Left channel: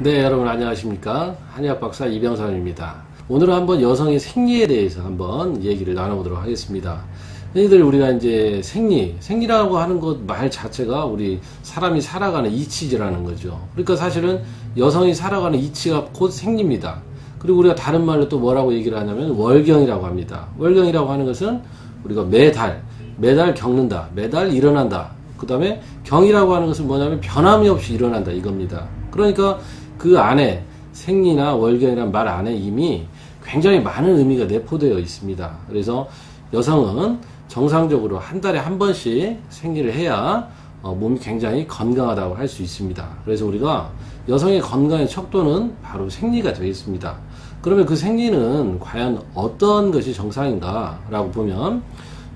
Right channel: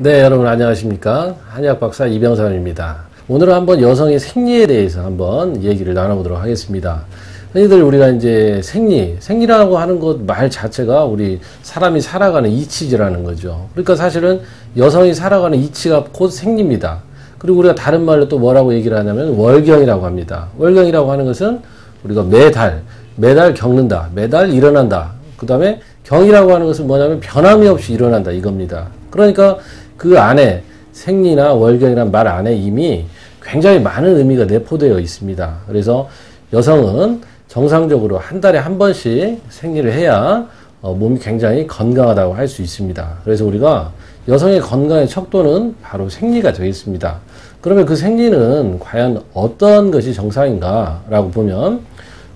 네, 여러분 안녕하십니까? 한의학 박사 이병선입니다. 오늘은 한번 여성의 생리에 대해서 한번 얘기를 나눠보도록 하겠습니다. 흔히들 우리가 이제 생리, 생리라고 하는 것 말 자체가 우리 사람이 살아가는 이치지라는 거죠. 그러니까 사실은 여성이 살아가는 이치가 곧 생리입니다. 그리고 우리가 다른 말로 또 뭐라고 얘기를 하냐면 월경이라고 합니다. 월경이라고 하는 것은 우리가 매달, 매달 겪는다, 매달 일어난다. 그 다음에 경이라고 하는 것은 뭐냐면 변함이 없이 일어난다 이겁니다. 그러니까 그 안에 생리나 월경이란 말 안에 이미 굉장히 많은 의미가 내포되어 있습니다. 그래서 여성은 정상적으로 한 달에 한 번씩 생리를 해야 어, 몸이 굉장히 건강하다고 할 수 있습니다. 그래서 우리가 여성의 건강의 척도는 바로 생리가 되겠습니다. 그러면 그 생리는 과연 어떤 것이 정상인가라고 보면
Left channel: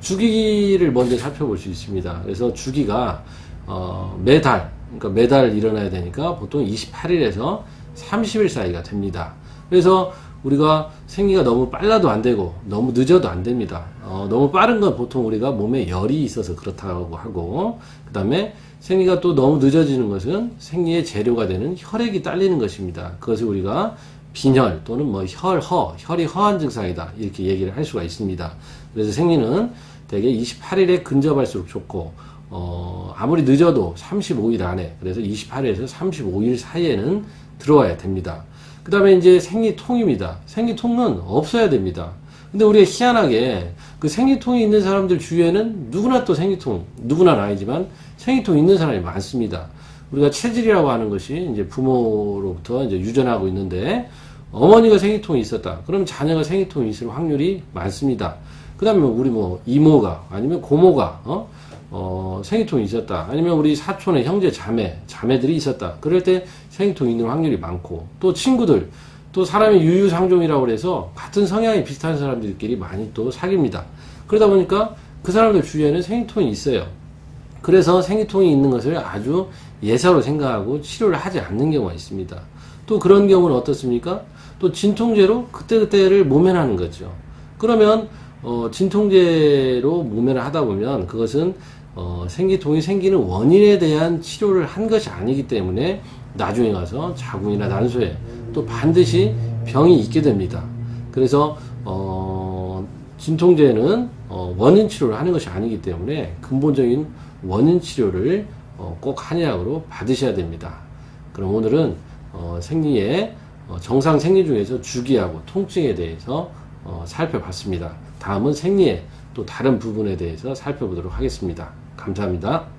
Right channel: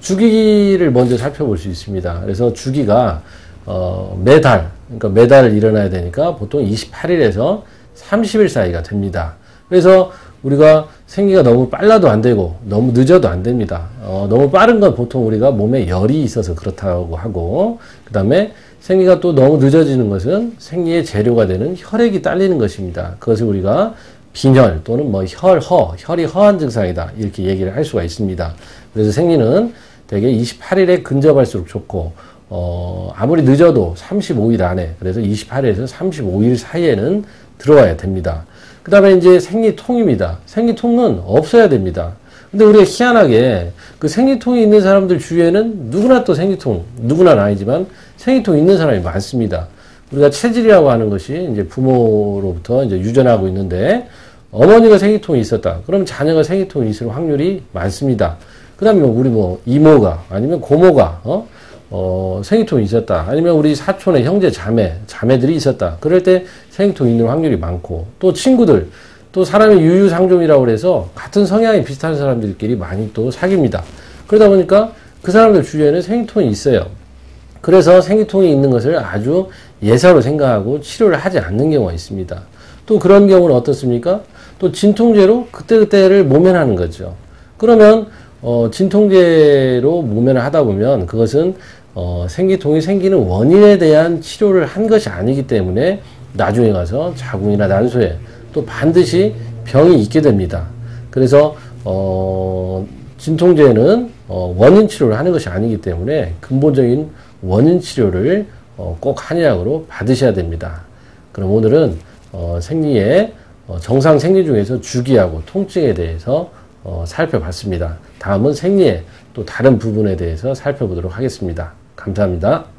주기를 먼저 살펴볼 수 있습니다. 그래서 주기가 어, 매달 그러니까 매달 일어나야 되니까 보통 28일에서 30일 사이가 됩니다. 그래서 우리가 생리가 너무 빨라도 안 되고 너무 늦어도 안 됩니다. 어, 너무 빠른 건 보통 우리가 몸에 열이 있어서 그렇다고 하고 그 다음에 생리가 또 너무 늦어지는 것은 생리의 재료가 되는 혈액이 딸리는 것입니다. 그것을 우리가 빈혈 또는 뭐 혈허, 혈이 허한 증상이다 이렇게 얘기를 할 수가 있습니다. 그래서 생리는 대개 28일에 근접할수록 좋고 어, 아무리 늦어도 35일 안에, 그래서 28일에서 35일 사이에는 들어와야 됩니다. 그 다음에 이제 생리통입니다. 생리통은 없어야 됩니다. 근데 우리가 희한하게 그 생리통이 있는 사람들 주위에는 누구나 또 생리통, 누구나는 아니지만 생리통 있는 사람이 많습니다. 우리가 체질이라고 하는 것이 이제 부모로부터 이제 유전하고 있는데 어머니가 생리통이 있었다. 그러면 자녀가 생리통이 있을 확률이 많습니다. 그 다음에 우리 뭐 이모가 아니면 고모가, 어? 어, 생리통이 있었다. 아니면 우리 사촌의 형제 자매, 자매들이 있었다. 그럴 때 생리통이 있는 확률이 많고, 또 친구들, 또 사람의 유유상종이라고 그래서 같은 성향이 비슷한 사람들끼리 많이 또 사귀입니다. 그러다 보니까 그 사람들 주위에는 생리통이 있어요. 그래서 생리통이 있는 것을 아주 예사로 생각하고 치료를 하지 않는 경우가 있습니다. 또 그런 경우는 어떻습니까? 또 진통제로 그때그때를 모면하는 거죠. 그러면 어, 진통제로 모면을 하다 보면 그것은 어, 생기통이 생기는 원인에 대한 치료를 한 것이 아니기 때문에 나중에 가서 자궁이나 난소에 또 반드시 병이 있게 됩니다. 그래서 어, 진통제는 어, 원인 치료를 하는 것이 아니기 때문에 근본적인 원인 치료를 어, 꼭 한의학으로 받으셔야 됩니다. 그럼 오늘은 어, 생리의 어, 정상 생리 중에서 주기하고 통증에 대해서 어, 살펴봤습니다. 다음은 생리의 또 다른 부분에 대해서 살펴보도록 하겠습니다. 감사합니다.